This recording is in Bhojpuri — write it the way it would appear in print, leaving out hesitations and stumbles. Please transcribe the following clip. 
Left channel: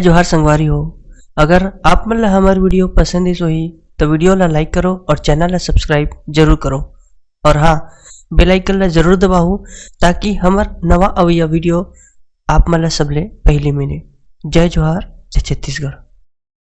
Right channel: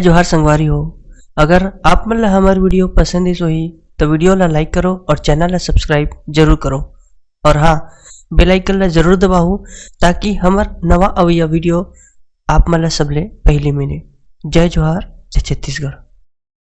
जय जोहार संगवारी हो। अगर आप मन ला हमार वीडियो पसंद इस होही तो वीडियो ला लाइक करो और चैनल ला सब्सक्राइब जरूर करो। और हाँ, बेल आइकन ला जरूर दबाओ ताकि हमार नवा अवैया वीडियो आप मन ला सबले पहले मिले। जय जोहार, जय छत्तीसगढ़।